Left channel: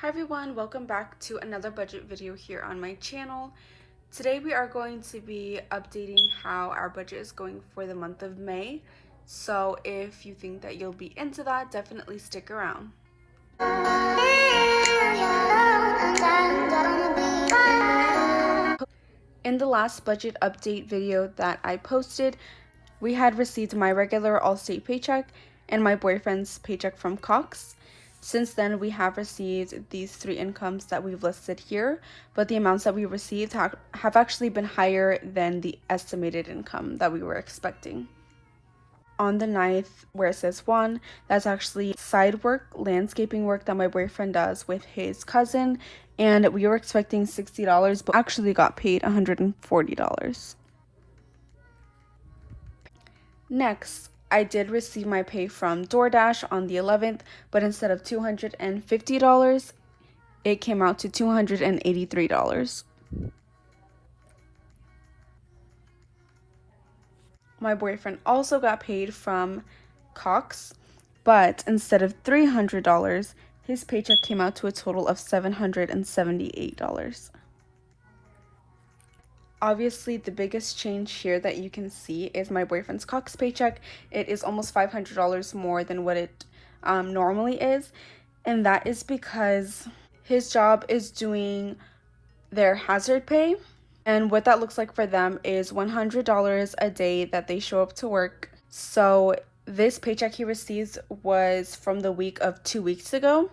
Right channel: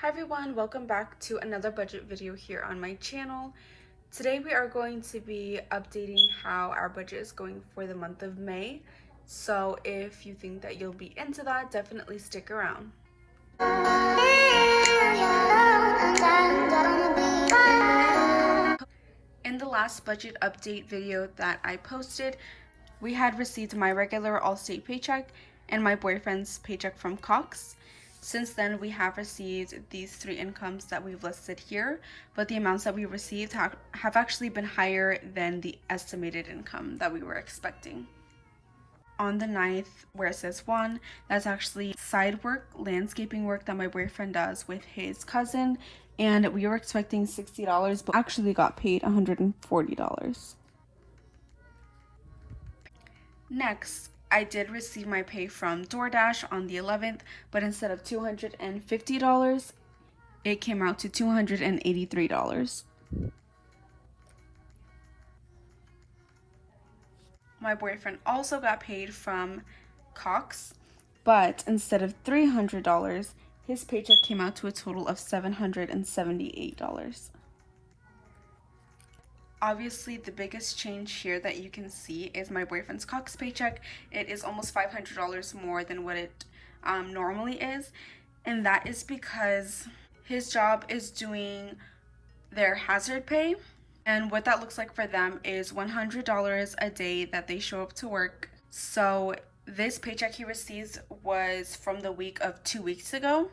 Hi everyone, welcome back to another budget video here on my channel. Today we are going to be updating how our budget is going for the month of May. So if you think that you'll be into that, definitely stick around. In the last budget update video that I posted, we had received my regular Allstate paycheck and my boyfriend's paycheck from Cox. Since then, we have received these three incomes that we've listed here, but the amounts that we received have actually been higher than the estimated income that we were expecting. On the 9th, where it says 1, that's actually side work, landscaping work that my boyfriend does with his cousin, and we were expecting $60, but actually got paid $140. Next, I did receive my pay from DoorDash on the 11th, but instead of $250, it came out to $283. My boyfriend also got paid from Cox, but instead of $300, his paycheck came out to a total of $778. Obviously, the biggest change here that you can see is my boyfriend's Cox paycheck. It is almost $500 more than what it normally is, and that is because his job is doing their hazard pay, and what that looks like for them is $100 a day that they show up to work. So this paycheck he receives was from the week of 2 weeks ago,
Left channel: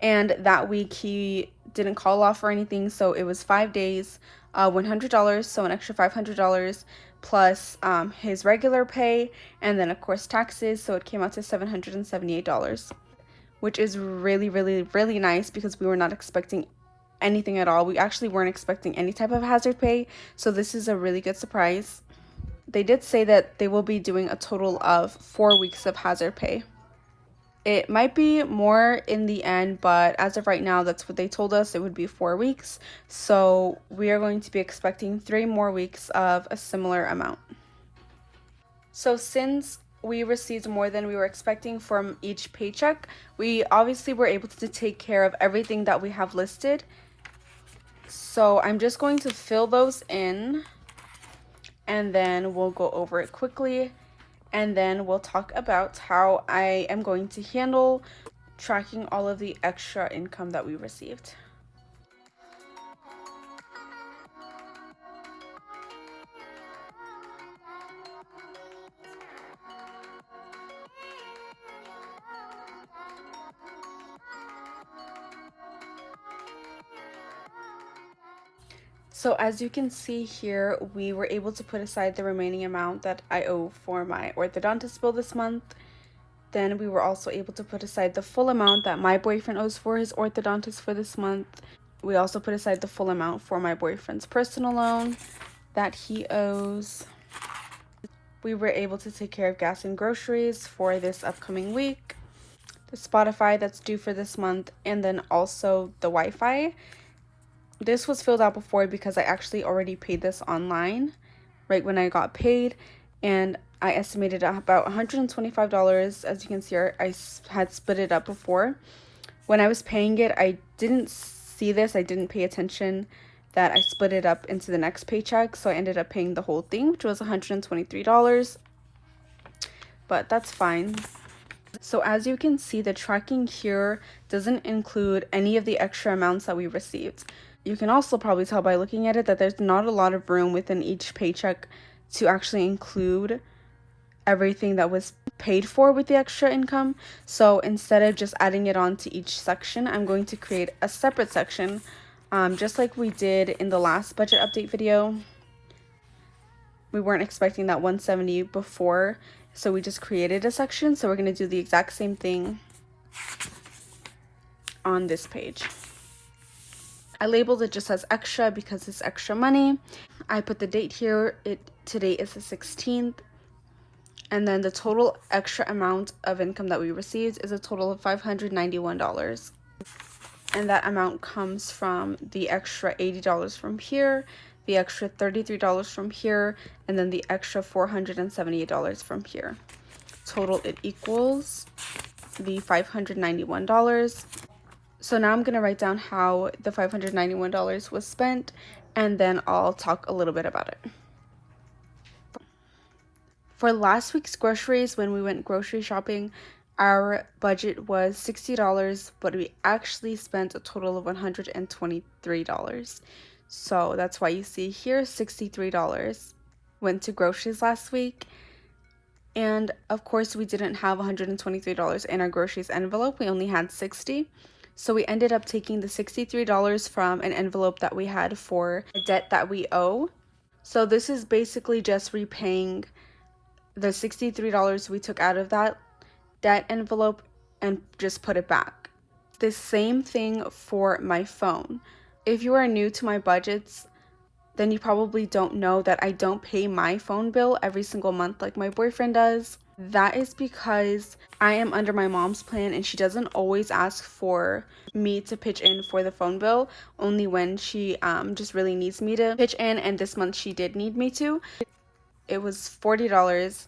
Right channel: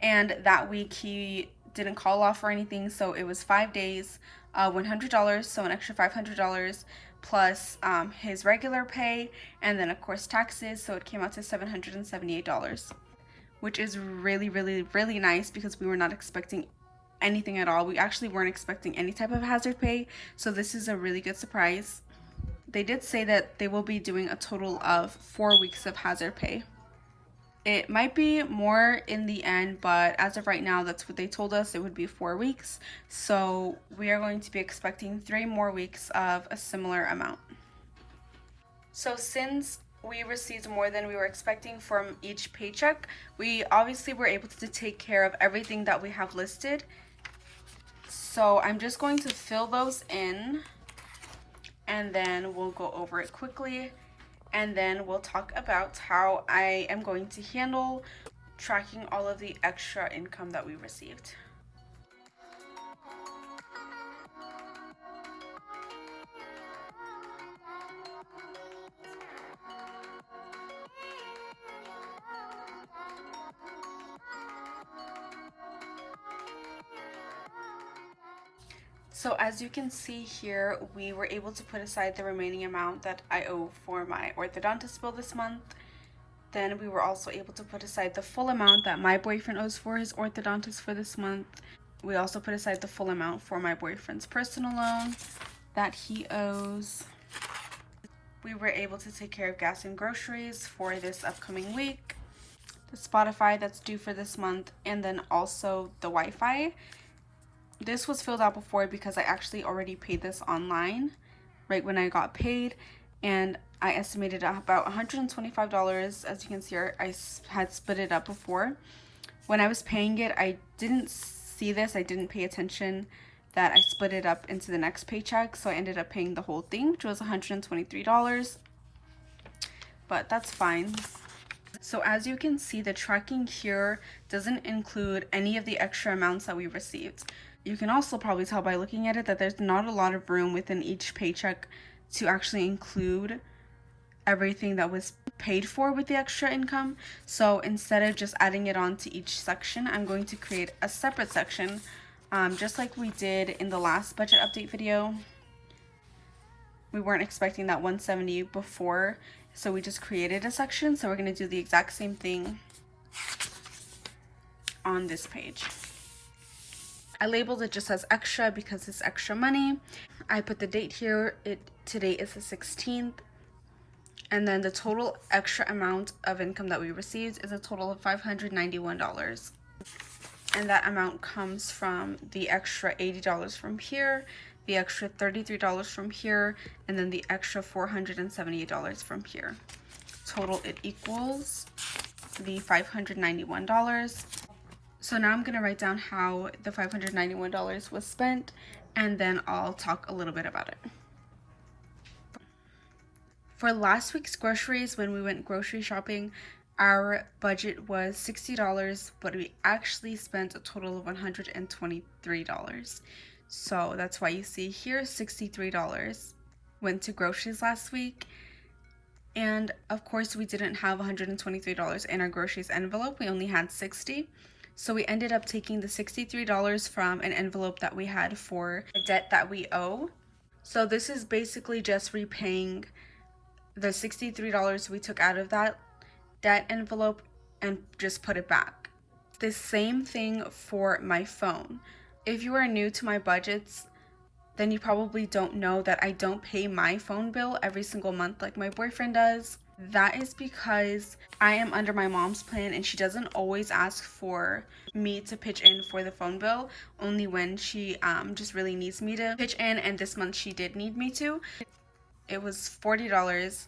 and that week he didn't call off or anything, so it was 5 days, $100, so an extra $500 plus his regular pay, and then of course taxes, so it came out to $778, which is really nice because we were not expecting anything at all. We actually weren't expecting any type of hazard pay, so this is a really good surprise. They did say that they will be doing a total of 4 weeks of hazard pay. It might be more in the end, but as of right now, that's what they told us. It would be 4 weeks. So we are going to be expecting 3 more weeks of a similar amount. So since we received more than we were expecting from each paycheck, we obviously were able to take care of everything that we have listed. So I'm just going to fill those in, and then we'll go over it quickly. And then we'll talk about how I am going to handle tracking all of the extra income that we received. So as you can see here, we were able to put aside the remaining amount that I owe for my orthodontist bill this month. Then we were also able to put aside the full amount that my boyfriend owes for his orthodontist for this month. We also put aside the full amount for my boyfriend's personal loan that he owes. We were able to take care of gas and groceries for this upcoming week, the Spotify that's due for this month, and then also the Wi-Fi. This was filled out before because I actually already paid this online right when I got paid, and I estimated about $125. As you can see here, I had split it up before. When I was paying it, I didn't see this. I didn't pay attention that I split it up into the next paycheck, so I ended up paying the whole thing, which was $123, but that's fine. So as you can see, the tracking here doesn't include any of the extra amounts that we received. You can also probably tell by looking at it that there's not a lot of room within each paycheck to actually include everything that was paid for with the extra income. So instead of just adding it on to each section, I'm going to create a separate section, just like we did in the last budget update video. We weren't expecting that 170 before, so we just created a section. So we're going to do the exact same thing on this page. I labeled it just as extra because it's extra money. I put the date here. Today is the 16th. And then the total extra amount of income that we received is a total of $591. And that amount comes from the extra $80 from here, the extra $33 from here, and then the extra $478 from here. Total, it equals the $591. So now I'm going to write down how the $591 was spent, and then I'll talk a little bit about it. For last week's groceries, when we went grocery shopping, our budget was $60, but we actually spent a total of $123. So that's why you see here $63 went to groceries last week. And of course, we didn't have $123 in our groceries envelope. We only had $60. So we ended up taking the $63 from an envelope that we had for a debt that we owe. So this is basically just repaying the $63 we took out of that debt envelope and just put it back. The same thing for my phone. If you are new to my budgets, then you probably don't know that I don't pay my phone bill every single month like my boyfriend does. That is because I am under my mom's plan and she doesn't always ask for me to pitch in for the phone bill, only when she just really needs me to pitch in, and this month she did need me to. It was $40.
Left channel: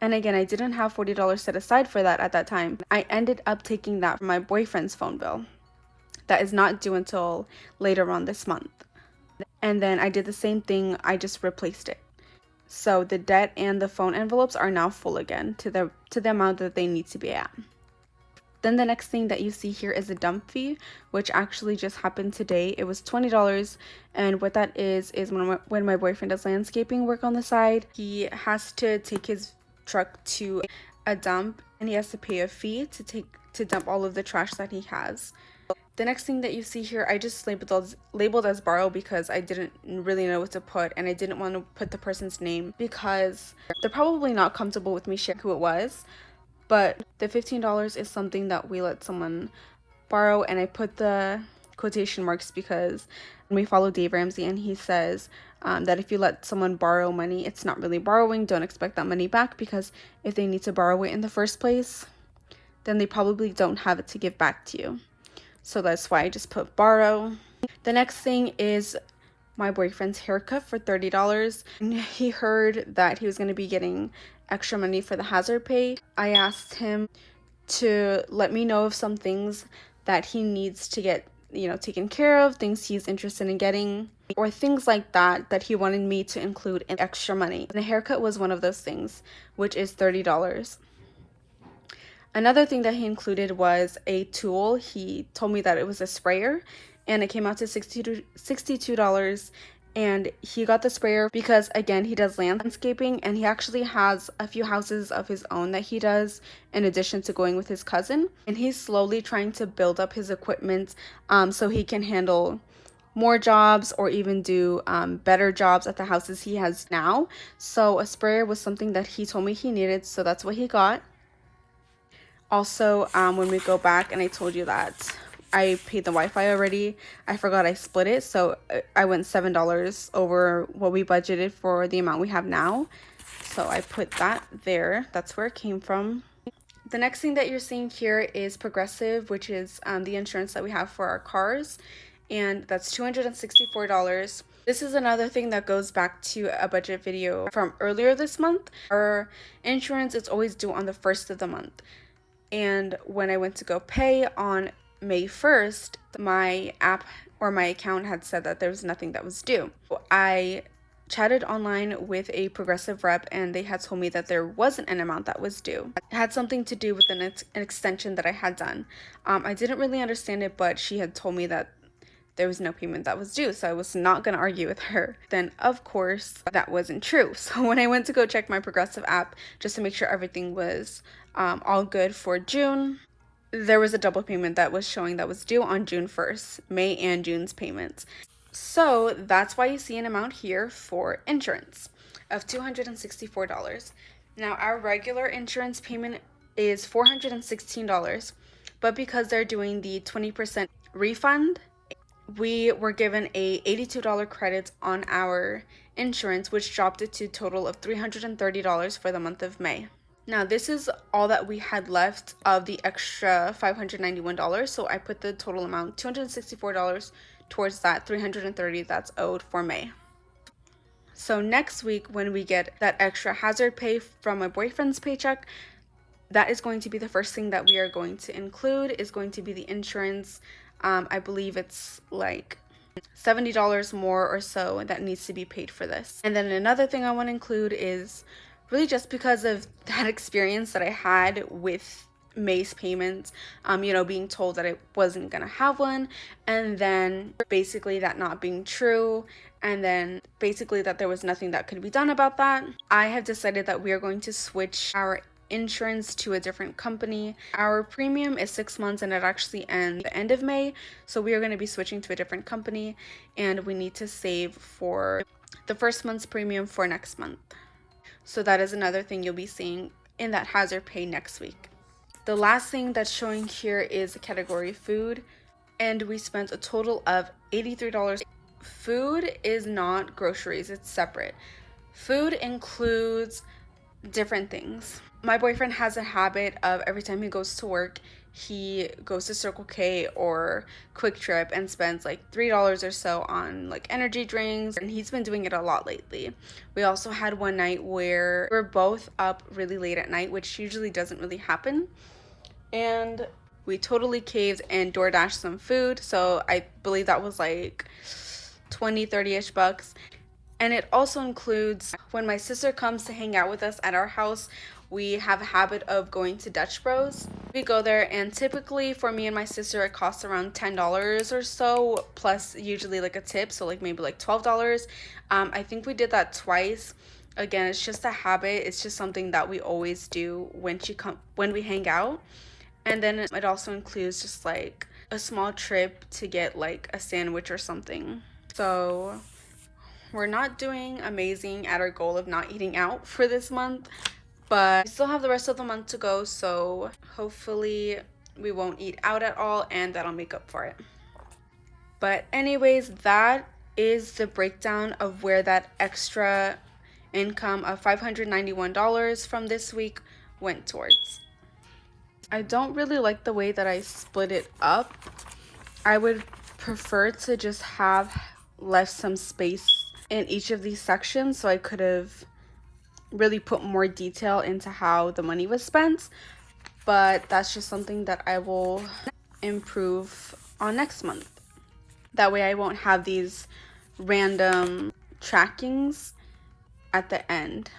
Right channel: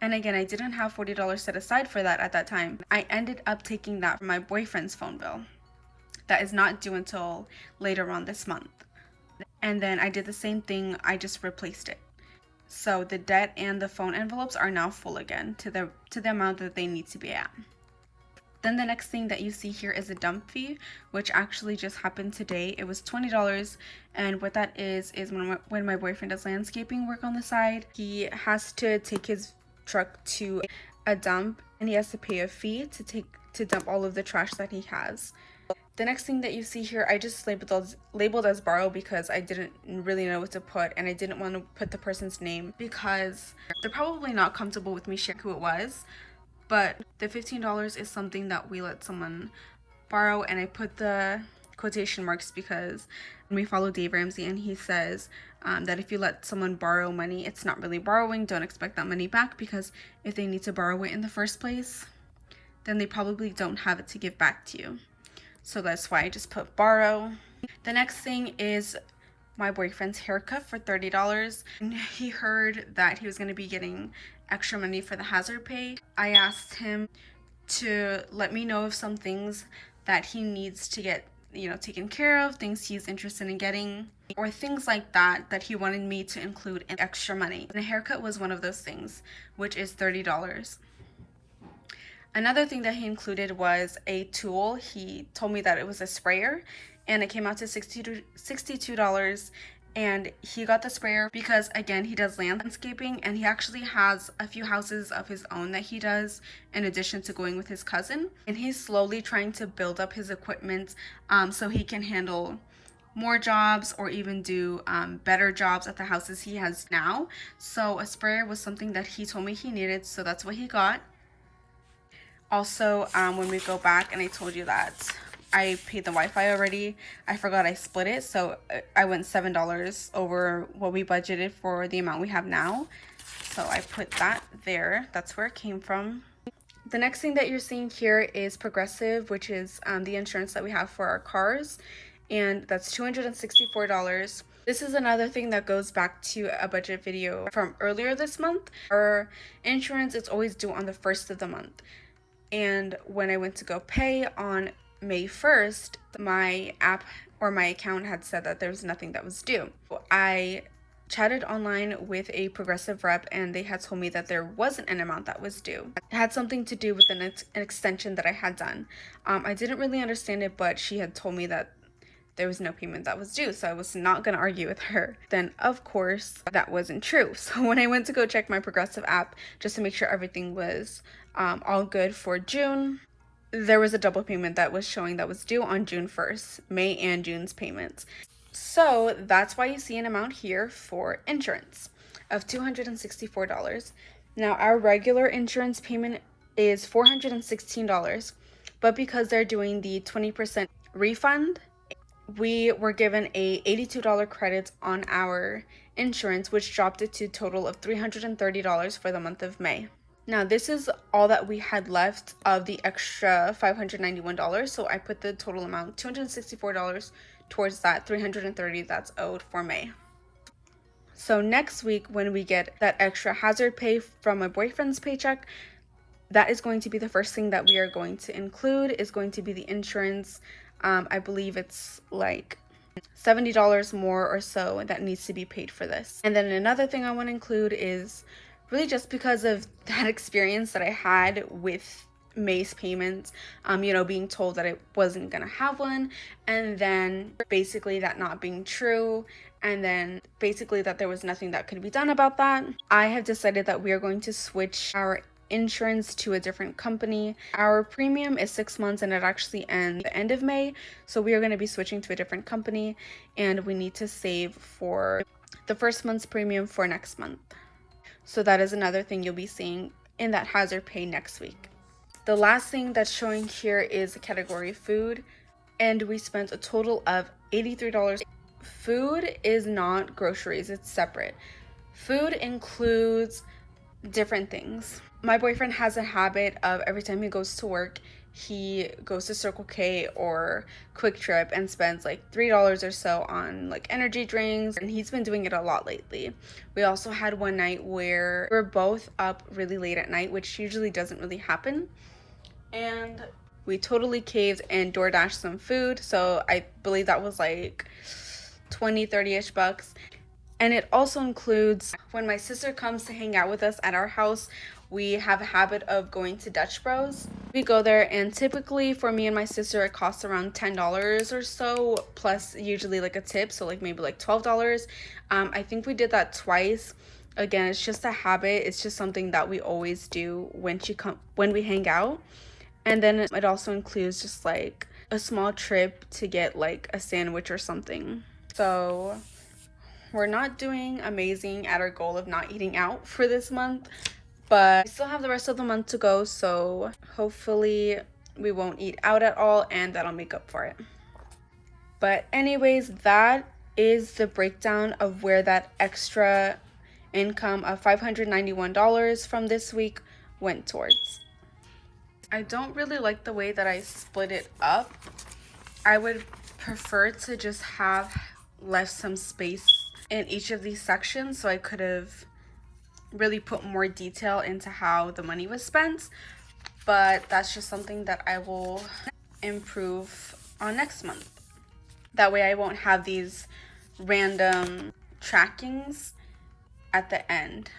And again, I didn't have $40 set aside for that at that time. I ended up taking that from my boyfriend's phone bill. That is not due until later on this month. And then I did the same thing, I just replaced it. So the debt and the phone envelopes are now full again to the amount that they need to be at. Then the next thing that you see here is a dump fee, which actually just happened today. It was $20, and what that is when my boyfriend does landscaping work on the side, he has to take his truck to a dump and he has to pay a fee to dump all of the trash that he has. The next thing that you see here, I just labeled as borrow because I didn't really know what to put, and I didn't want to put the person's name because they're probably not comfortable with me sharing who it was. But the $15 is something that we let someone borrow, and I put the quotation marks because we follow Dave Ramsey, and he says that if you let someone borrow money, it's not really borrowing. Don't expect that money back, because if they need to borrow it in the first place, then they probably don't have it to give back to you. So that's why I just put borrow. The next thing is my boyfriend's haircut for $30. He heard that he was going to be getting extra money for the hazard pay. I asked him to let me know of some things that he needs to get, taken care of, things he's interested in getting, or things like that he wanted me to include in extra money. And a haircut was one of those things, which is $30. Another thing that he included was a tool. He told me that it was a sprayer, and it came out to $62. And he got the sprayer because, again, he does landscaping, and he actually has a few houses of his own that he does in addition to going with his cousin. And he's slowly trying to build up his equipment so he can handle more jobs or even do better jobs at the houses he has now. So a sprayer was something that he told me he needed, so that's what he got. Also, when we go back, and I told you that I paid the Wi-Fi already, I forgot I split it, so I went $7 over what we budgeted for the amount we have now. So I put that there. That's where it came from. The next thing that you're seeing here is Progressive, which is the insurance that we have for our cars, and that's $264. This is another thing that goes back to a budget video from earlier this month. Our insurance is always due on the 1st of the month. And when I went to go pay on May 1st, my app or my account had said that there was nothing that was due. I chatted online with a Progressive rep, and they had told me that there wasn't an amount that was due. It had something to do with an extension that I had done. I didn't really understand it, but she had told me that there was no payment that was due, so I was not going to argue with her. Then, of course, that wasn't true. So when I went to go check my Progressive app just to make sure everything was all good for June, there was a double payment that was showing that was due on June 1st, May and June's payments. So that's why you see an amount here for insurance of $264. Now, our regular insurance payment is $416, but because they're doing the 20% refund, we were given a $82 credit on our insurance, which dropped it to a total of $330 for the month of May. Now, this is all that we had left of the extra $591, so I put the total amount, $264, towards that $330 that's owed for May. So next week, when we get that extra hazard pay from my boyfriend's paycheck, that is going to be the first thing that we are going to include, is going to be the insurance. I believe it's like $70 more or so that needs to be paid for this. And then another thing I want to include is really just because of that experience that I had with May's payments, being told that I wasn't gonna have one, and then basically that not being true, and then basically that there was nothing that could be done about that. I have decided that we are going to switch our insurance to a different company. Our premium is 6 months and it actually ends the end of May, so we are going to be switching to a different company, and we need to save for the first month's premium for next month. So that is another thing you'll be seeing in that hazard pay next week. The last thing that's showing here is the category food, and we spent a total of $83. Food is not groceries, it's separate. Food includes different things. My boyfriend has a habit of every time he goes to work, he goes to Circle K or Quick Trip and spends like $3 or so on like energy drinks, and he's been doing it a lot lately. We also had one night where we're both up really late at night, which usually doesn't really happen, and we totally caved and DoorDashed some food. So I believe that was like 20-30ish bucks. And it also includes when my sister comes to hang out with us at our house, we have a habit of going to Dutch Bros. We go there, and typically for me and my sister it costs around $10 or so, plus usually like a tip, so like maybe like $12. I think we did that twice. Again, it's just a habit. It's just something that we always do when we hang out. And then it also includes just like a small trip to get like a sandwich or something. So we're not doing amazing at our goal of not eating out for this month, but we still have the rest of the month to go, so hopefully we won't eat out at all, and that'll make up for it. But anyways, that is the breakdown of where that extra income of $591 from this week went towards. I don't really like the way that I split it up. I would prefer to just have left some space in each of these sections, so I could have really put more detail into how the money was spent, but that's just something that I will improve on next month. That way I won't have these random trackings at the end.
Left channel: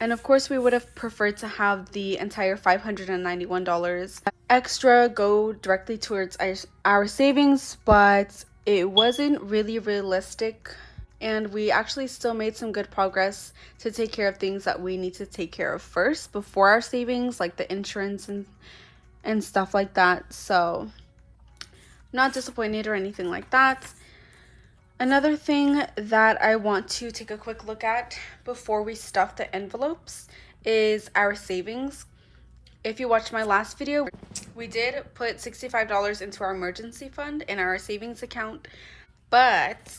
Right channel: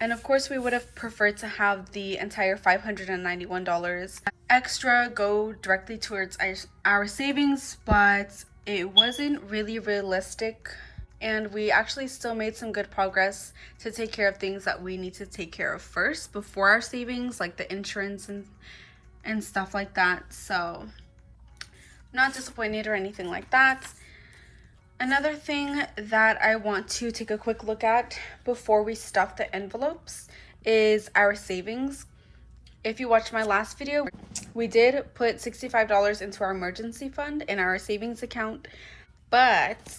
And of course we would have preferred to have the entire $591 extra go directly towards our savings, but it wasn't really realistic, and we actually still made some good progress to take care of things that we need to take care of first before our savings, like the insurance and stuff like that. So not disappointed or anything like that. Another thing that I want to take a quick look at before we stuff the envelopes is our savings. If you watched my last video, we did put $65 into our emergency fund in our savings account, but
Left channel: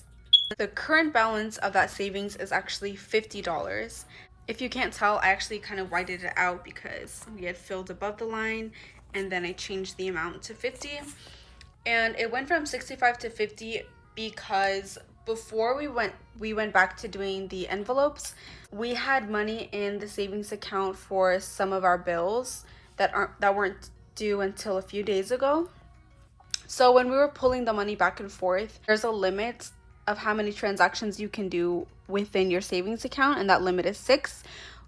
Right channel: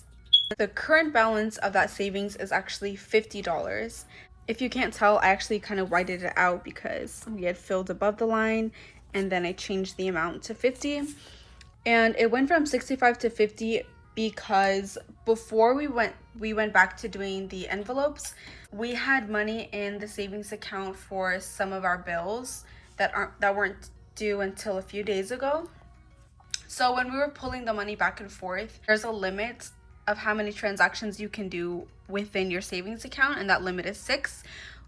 the current balance of that savings is actually $50. If you can't tell, I actually kind of whited it out because we had filled above the line, and then I changed the amount to 50, and it went from 65 to 50 because before we went back to doing the envelopes, we had money in the savings account for some of our bills that weren't due until a few days ago. So when we were pulling the money back and forth, there's a limit of how many transactions you can do within your savings account, and that limit is 6.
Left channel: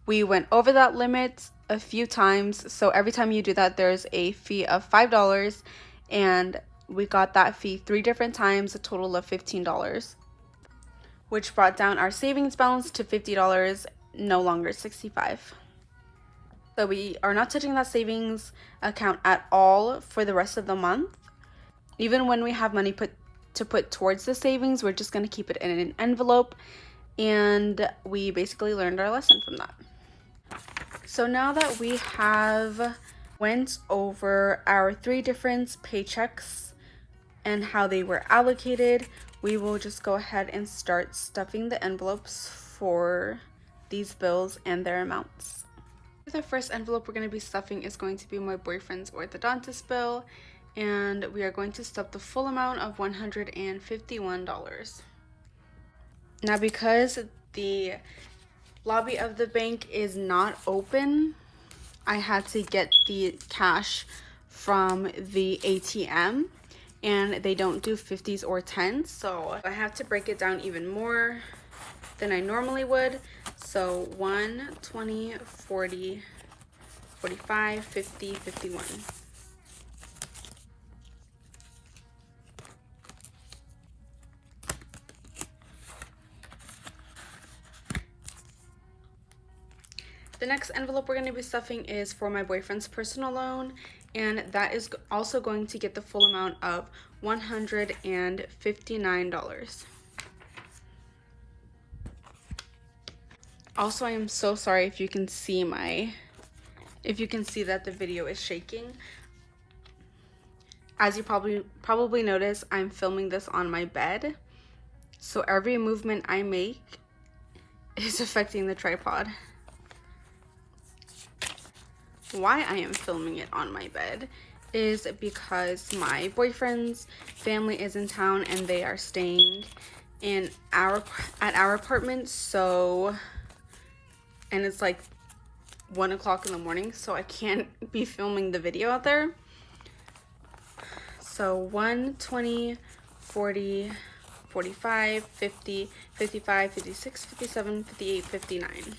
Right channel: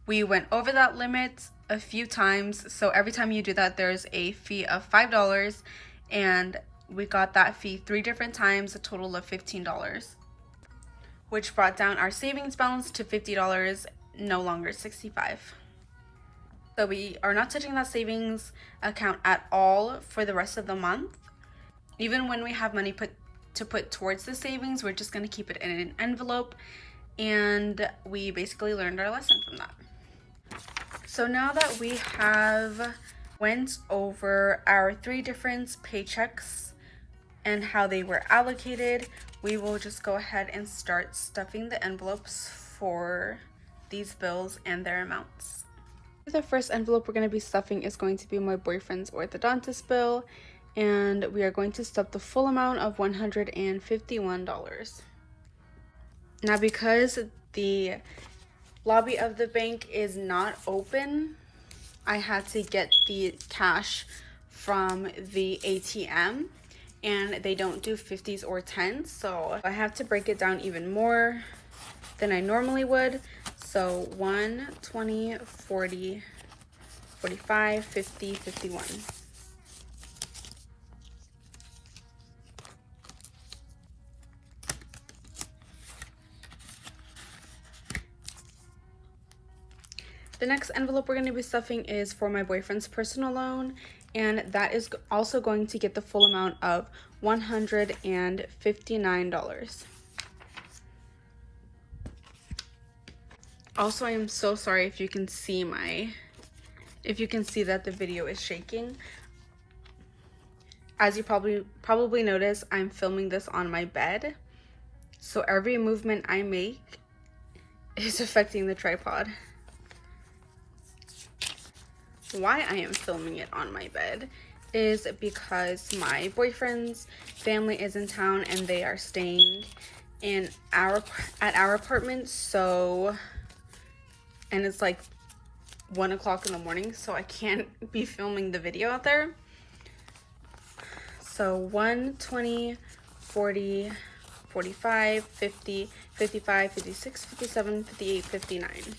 We went over that limit a few times, so every time you do that there's a fee of $5, and we got that fee 3 different times, a total of $15, which brought down our savings balance to $50, no longer $65. So we are not touching that savings account at all for the rest of the month. Even when we have money to put towards the savings, we're just going to keep it in an envelope, and we basically learned our lesson from that. So now that we have went over our 3 different paychecks and how they were allocated, we will just go ahead and start stuffing the envelopes for these bills and their amounts. The first envelope we're going to be stuffing is going to be my boyfriend's orthodontist bill, and we are going to stuff the full amount of $151. Now, because the lobby of the bank is not open, I had to get the cash from the ATM, and they don't do 50s or 10s, so I have to break it down even more than I normally would. So 1, 20, 40, 45, 50, 51. The next envelope we're going to be stuffing is for my boyfriend's personal loan, and that is also going to get the full amount of $159. Also, I am so sorry if you can see that the video is shaking. As you probably notice, I'm filming this on my bed, so every movement I make is affecting the tripod. Why I am filming it on my bed is because my boyfriend's family is in town and they are staying at our apartment, so, and it's like 1 o'clock in the morning, so I can't be filming the video out there. So 1, 20, 40, 45, 50, 55, 56, 57, 58, 59.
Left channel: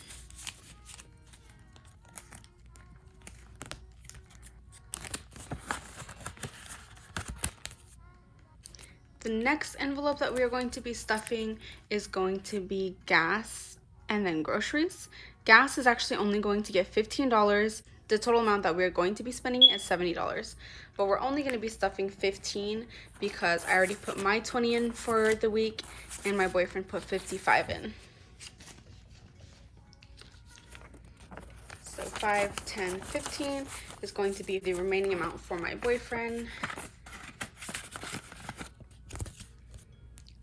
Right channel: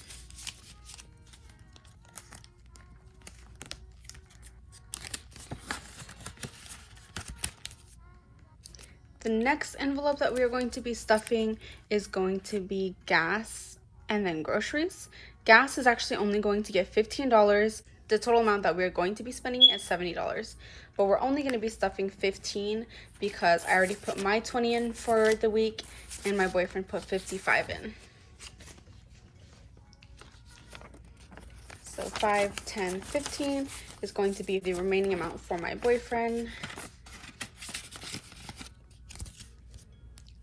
The next envelope that we are going to be stuffing is going to be gas and then groceries. Gas is actually only going to get $15. The total amount that we're going to be spending is $70. But we're only going to be stuffing 15 because I already put my 20 in for the week and my boyfriend put 55 in. So 5, 10, 15 is going to be the remaining amount for my boyfriend.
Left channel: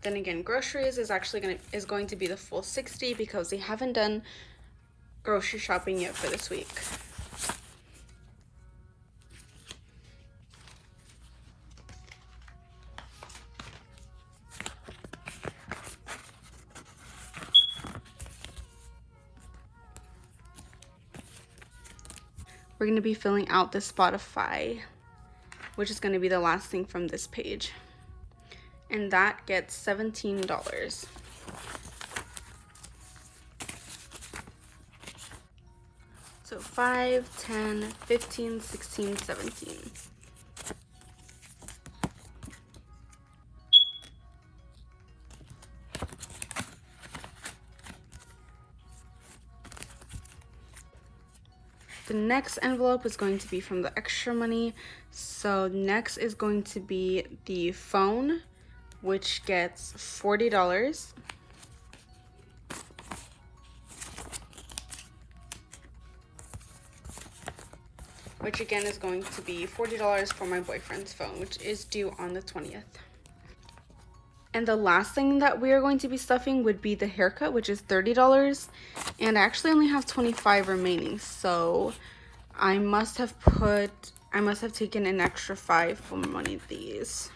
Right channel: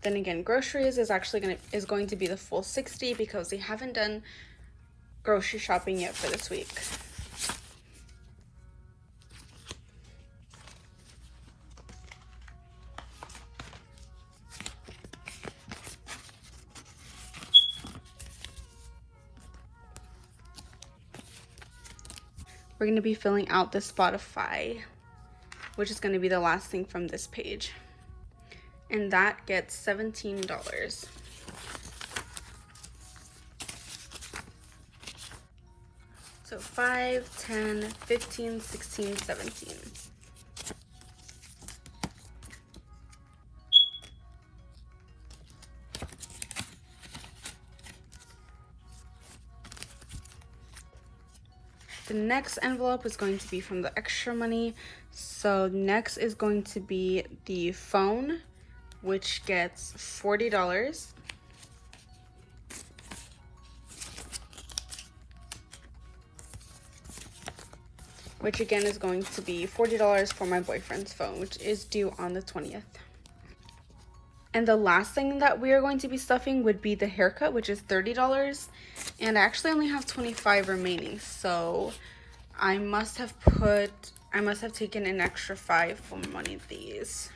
Then again, groceries is going to be the full 60 because we haven't done grocery shopping yet for this week. We're going to be filling out the Spotify, which is going to be the last thing from this page. And that gets $17. So 5, 10, 15, 16, 17. The next envelope is going to be from the extra money. So next is going to be the phone, which gets $40. Which again is going to be $40 for my boyfriend's phone, which is due on the 20th. And the last thing that we are going to be stuffing would be the haircut, which is $30. And I actually only have 25 remaining, so I must have taken an extra 5 from one of these.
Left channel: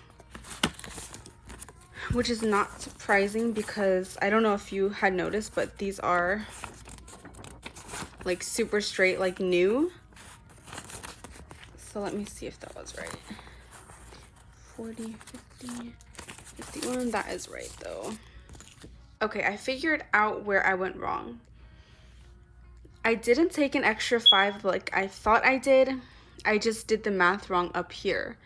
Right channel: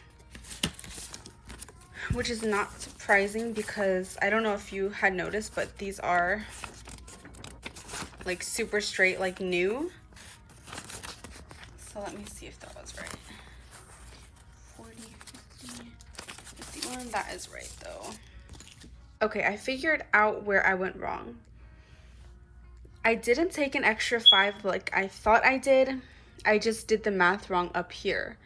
Which is not surprising because I don't know if you had noticed, but these are like super straight, like new. So let me see if that was right. 40, 50, 51, that is right though. Okay, I figured out where I went wrong. I didn't take an extra 5 like I thought I did. I just did the math wrong up here.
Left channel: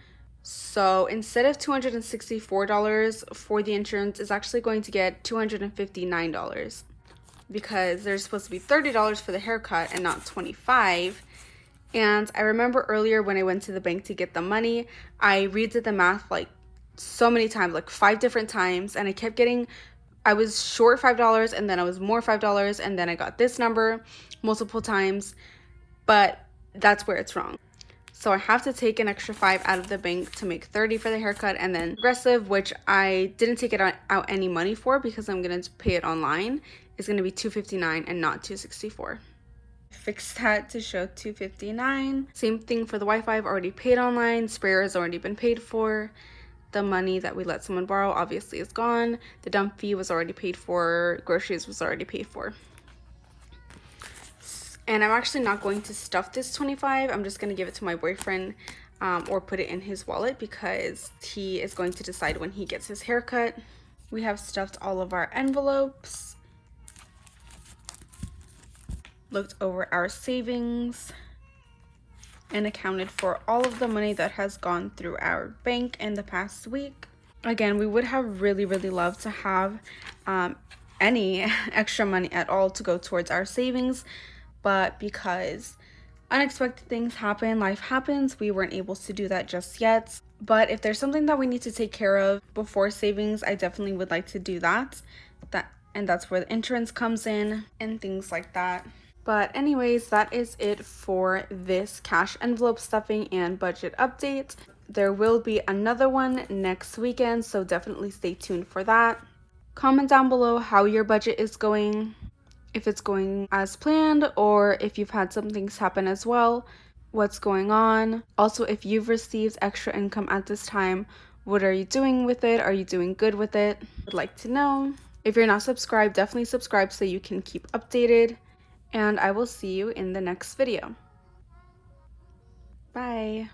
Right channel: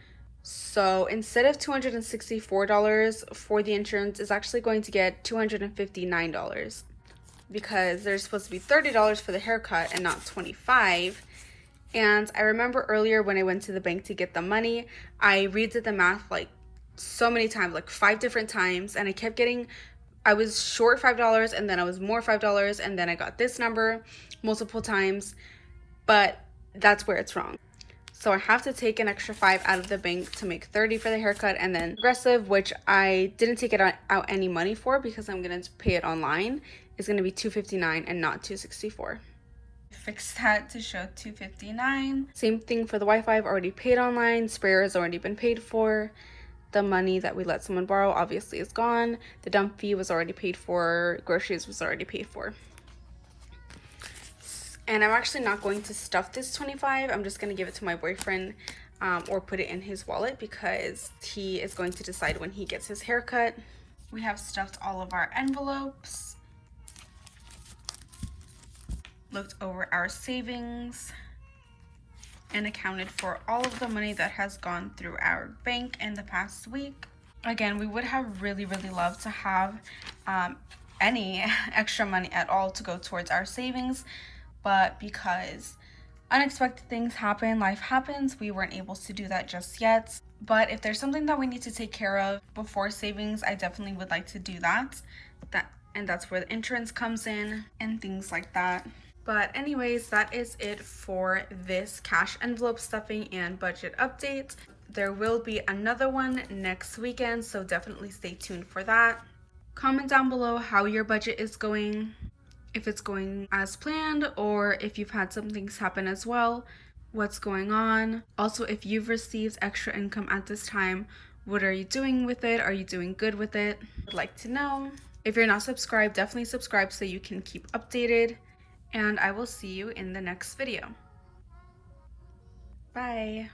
So instead of $264 for the insurance, it's actually going to get $259 because there's supposed to be $30 for the haircut and not $25. And I remember earlier when I went to the bank to get the money, I redid the math like so many times, like 5 different times, and I was short $5 and then I was more $5 and then I got this number multiple times, but that's where it's wrong. So I have to take an extra 5 out of the bank to make 30 for the haircut, and then Progressive, which I didn't take it out any money for because I'm going to pay it online, is going to be $259 and not $264. Fix that to show $259. Same thing for the Wi-Fi. I've already paid online. Sprayer has already been paid for. The money that we let someone borrow obviously is gone. The dump fee was already paid for. Groceries was already paid for. And I'm actually not going to stuff this 25. I'm just going to give it to my boyfriend or put it in his wallet because he is going to decide when he gets his haircut. We have stuffed all of our envelopes, looked over our savings, and accounted for all of the money that has gone through our bank in the past week. Again, we would have really loved to have any extra money at all to go towards our savings, but because unexpected things happen, life happens, we weren't able to do that just yet. But if there's something that we need to take care of before savings, I definitely would like to do that. And that's where the insurance comes in and things like that. But anyways, that is it for this cash envelope stuffing and budget update. There will be another one next weekend, so definitely stay tuned for that. Comment down below how your budget is going, if it's going as planned or if you've had some things happen as well, what's going on. Also, if you've received extra income at this time, what are you doing with it? Are you doing good with it? I'd like to know. If you're not subscribed, definitely subscribe so you can keep updated. And I will see you in the next video. Bye.